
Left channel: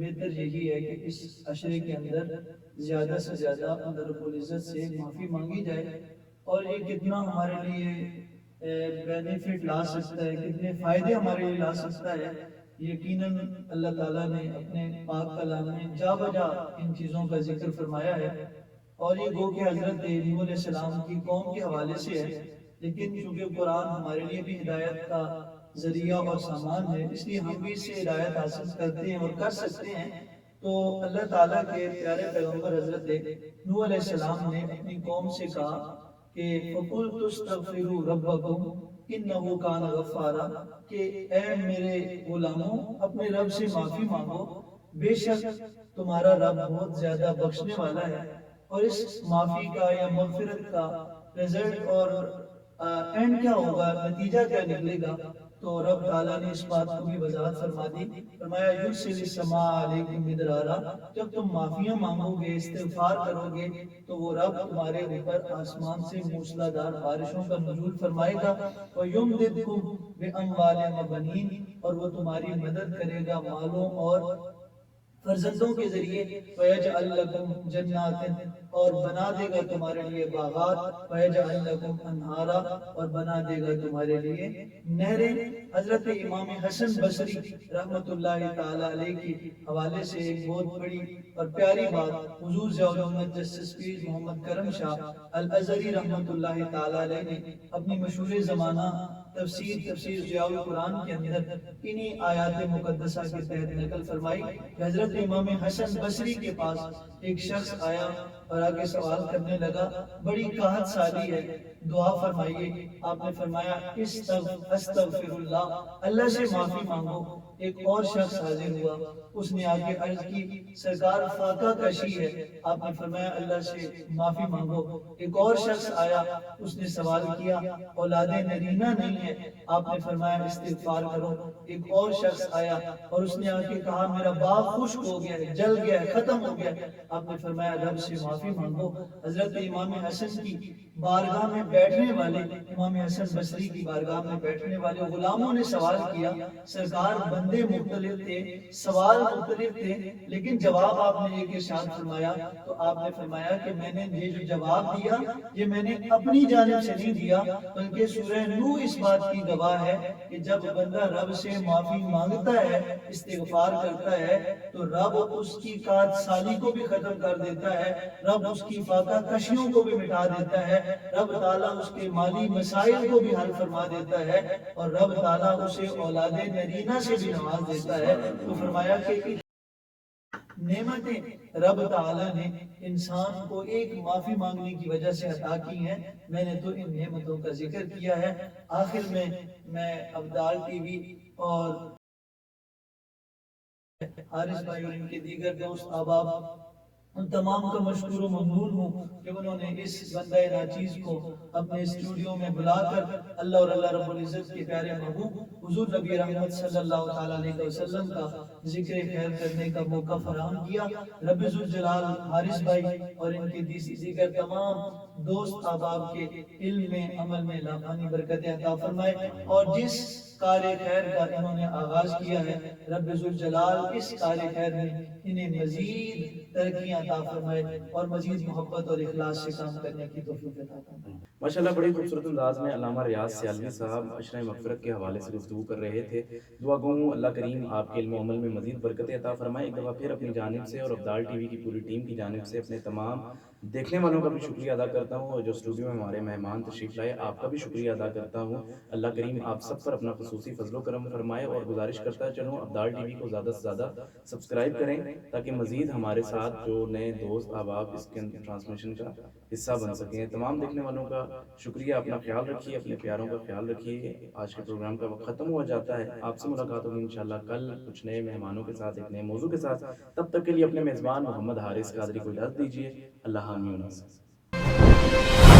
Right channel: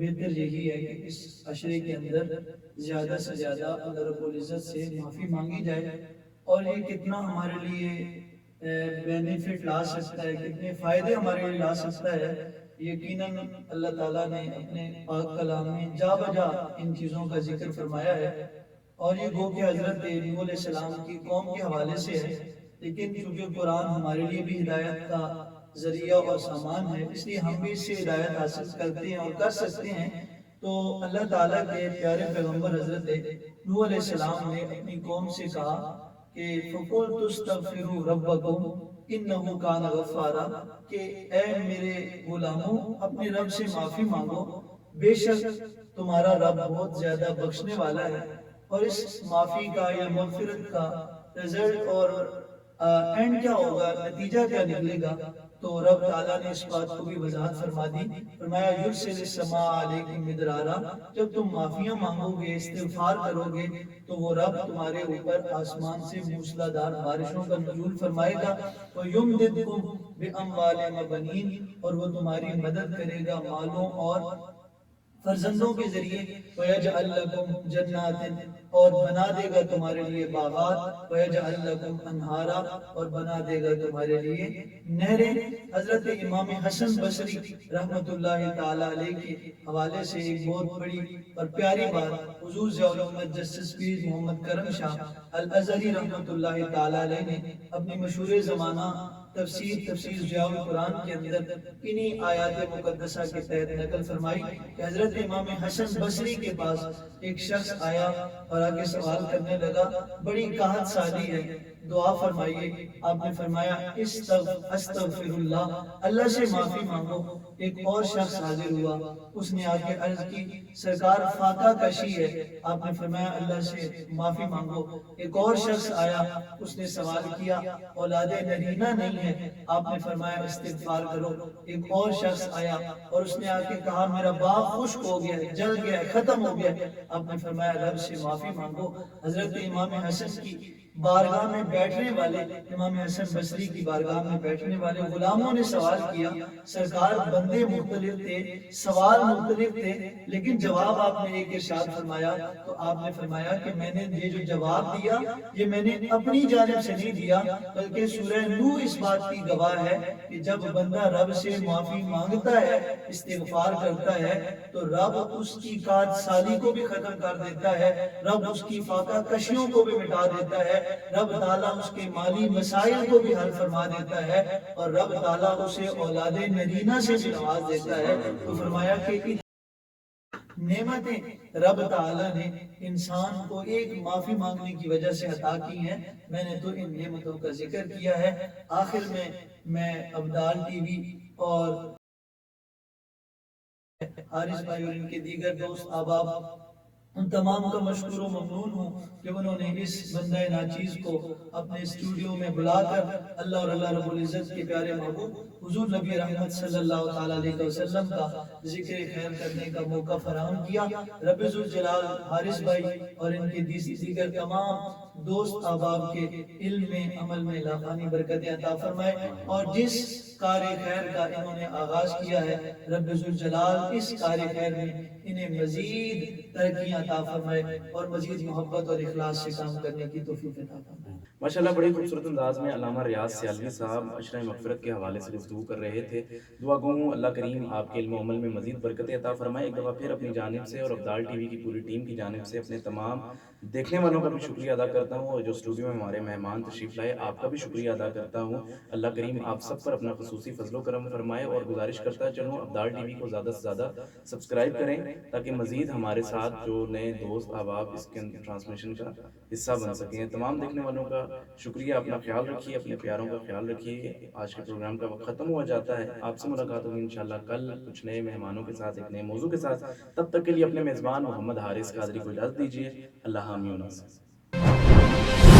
بہتر یہی ہے کہ اس عشرے کے اندر زیادہ سے زیادہ اللہ رب العزت سے معافی مانگی جائے، اور یہ کتنا ہمارے لیے بینیفٹ لا سکتا ہے، کتنے فائدے ہمارے لیے لا سکتا ہے، یقیناً اللہ تعالیٰ نے اپنے پاک کلام میں جا بجا ان چیزوں کا ذکر فرمایا ہے، اور یہ گو کہ حضرت نوح علیہ السلام کی قوم کے حوالے سے ہے، لیکن چونکہ قرآن ہمارے لیے بھی ہدایت کا ذریعہ اور سامان ہے، اس لیے ہم بھی اس سے ہدایت حاصل کرتے ہیں اور کر سکتے ہیں۔ تو اللہ تعالیٰ کے پیارے پیغمبر حضرت نوح علیہ السلام نے اپنی قوم سے کہا کہ فَقُلْتُ اسْتَغْفِرُوا رَبَّكُمْ إِنَّهُ كَانَ غَفَّارًا، کہ اے میرے غلاموں اپنے رب سے معافی مانگو، بے شک تمہارا رب بہت زیادہ بخشنے والا ہے۔ اور اس معافی کا یا مغفرت کا رزلٹ اور اینڈ کیا ہوگا، نتیجہ کیا نکلے گا، تو رب تعالیٰ نے اس بات کو بھی وضاحت فرما دی، فرمایا یرسل السماء علیکم مدرارا، جب تم معافیاں مانگو گے، استغفار کرو گے، تو وہ رب تمہارے اوپر آسمان سے موسلادھار بارشوں کا نزول فرمائے گا، وَيُمْدِدْكُمْ بِأَمْوَالٍ وَبَنِينَ، اور وہ تمہاری مدد کرے گا مالوں اور فرزندوں کے ذریعے، وَيَجْعَلْ لَكُمْ جَنَّاتٍ، اور بنا دے گا تمہارے لیے باغات، وَيَجْعَلْ لَكُمْ أَنْهَارًا، اور بنا دے گا تمہارے لیے نہریں۔ حضرت امام حسن بصری رحمۃ اللہ تعالیٰ علیہ کے حوالے سے ایک بہت بڑی اور پیاری بات حضور ضیاء الحمد جسٹس پیر محمد کرم شاہ الازہری رحمۃ اللہ تعالیٰ علیہ نے اپنی مشہور زمانہ تفسیر ضیاء القرآن کے اندر انہی آیات مقدسہ کے تحت نقل فرمائی کہ حضرت امام حسن بصری کے پاس ایک شخص آیا اور آگے سوال کرنے لگا، بڑی قحط سالی ہے، دعا فرمائیے۔ آپ نے فرمایا استغفر اللہ، اللہ سے معافی مانگو۔ ایک اور شخص حاضر ہوا، اس نے آگے عرض کی سرکار فاقہ کشی ہے، آپ نے فرمایا اللہ سے معافی مانگو۔ ایک اور شخص آیا، اس نے سوال کیا اولاد نرینہ نہیں ہے، آپ نے فرمایا استغفار کرو۔ ایک اور شخص آیا اور اس نے آ کے کہا میرا باغ خشک ہو گیا، جل گیا، ختم ہو گیا، آپ نے فرمایا رب سے معافی مانگو۔ حضرت امام حسن کی بارگاہ میں بیٹھنے والے، امام حسن بصری کی بارگاہ میں بیٹھنے والے غلاموں نے سوال کیا، سرکار بندے مختلف تھے، سوال مختلف تھے، لیکن جواب آپ نے ایک ارشاد فرمایا، تو آپ نے فرمایا کہ میں نے یہ جو جواب دیا یہ میں نے اپنی جانب سے نہیں دیا، بلکہ سورہ نوح اس بات کی گواہ ہے کہ جب بندہ رب سے معافی مانگتا ہے، استغفار کرتا ہے، تو رب اس کی قحط سالی کو بھی ختم کر دیتا ہے، رب اس کی فاقہ کشیوں کو بھی مٹا دیتا ہے، رب تعالیٰ اس کے مالی مسائل کو بھی حل فرما دیتا ہے، اور رب تعالیٰ اسے اولاد نرینہ سے بھی نواز دیتا ہے۔ تو فرمایا کہ نعمتیں رب تعالیٰ نے انسان کو ایک معافی مانگنے کی وجہ سے عطا کی ہیں، میں نے تو ان نعمتوں کا ذکر کیا ہے۔ آخر میں ابدال ٹی وی اور حارث بھائی اور ان کے دیگر دوست احباب ان تمام کا مشکور و ممنون ہوں کہ انہوں نے اس بندہ ناچیز کو اپنے اسٹوڈیو میں بلا کر اللہ اور اللہ رب العزت کے پیارے محبوب حضور نبی رحمت صلی اللہ تعالیٰ علیہ وسلم کا ذکر خیر کرنے کا موقع فراہم کیا۔ رب ذوالجلال حارث بھائی اور ان کے دیگر تمام دوست احباب کے علم میں عمل میں لاقانی برکتیں عطا فرمائے، اور جس کار خیر کا انہوں نے آغاز کیا ہے رب ذوالجلال اس کار خیر میں انہیں مزید ترقیاں عطا فرمائے اور مزید محبت اور اخلاص سے کام کرنے کی توفیق عطا فرمائے۔ ماشاءاللہ بڑی خوبصورت انداز میں علامہ ریاض سیالوی صاحب عشرہ مغفرت کے حوالے سے گفتگو کر رہے تھے۔ دعا گو ہوں اللہ کریم آپ کے علم و عمل میں مزید برکتیں عطا فرمائے۔ ایک دفعہ پھر اپنی جانب سے اور ابدال ٹی وی کی پوری ٹیم کی جانب سے اپنے تمام دیکھنے والوں کا بھی شکریہ ادا کرتا ہوں، اور جو اسٹوڈیو میں ہمارے مہمان تشریف لائے آپ کا بھی شکریہ ادا کرتا ہوں۔ اللہ کریم آپ سب پر اپنا خصوصی فضل و کرم فرمائے، اور گزارش کرتا چلوں ابدال ٹی وی کو زیادہ سے زیادہ سبسکرائب کریں تاکہ مزید ہمارے ساتھ جو نئے دوست احباب اس کے ٹرانسمیشن کا حصہ بن سکیں۔ تمام دیکھنے والوں کا شکریہ، اپنا خیال رکھیے، اپنے پیاروں کا خیال رکھیے۔ آج کے پروگرام کا وقت ختم ہو جاتا ہے، آپ سے ملاقات ہوگی انشاءاللہ کل کچھ نئے مہمانوں کے ساتھ، ایک نئے موضوع کے ساتھ۔ تب تک کے لیے اپنے میزبان محمد حارث قادری کو اجازت دیجیے۔ اللہ حامی و ناصر۔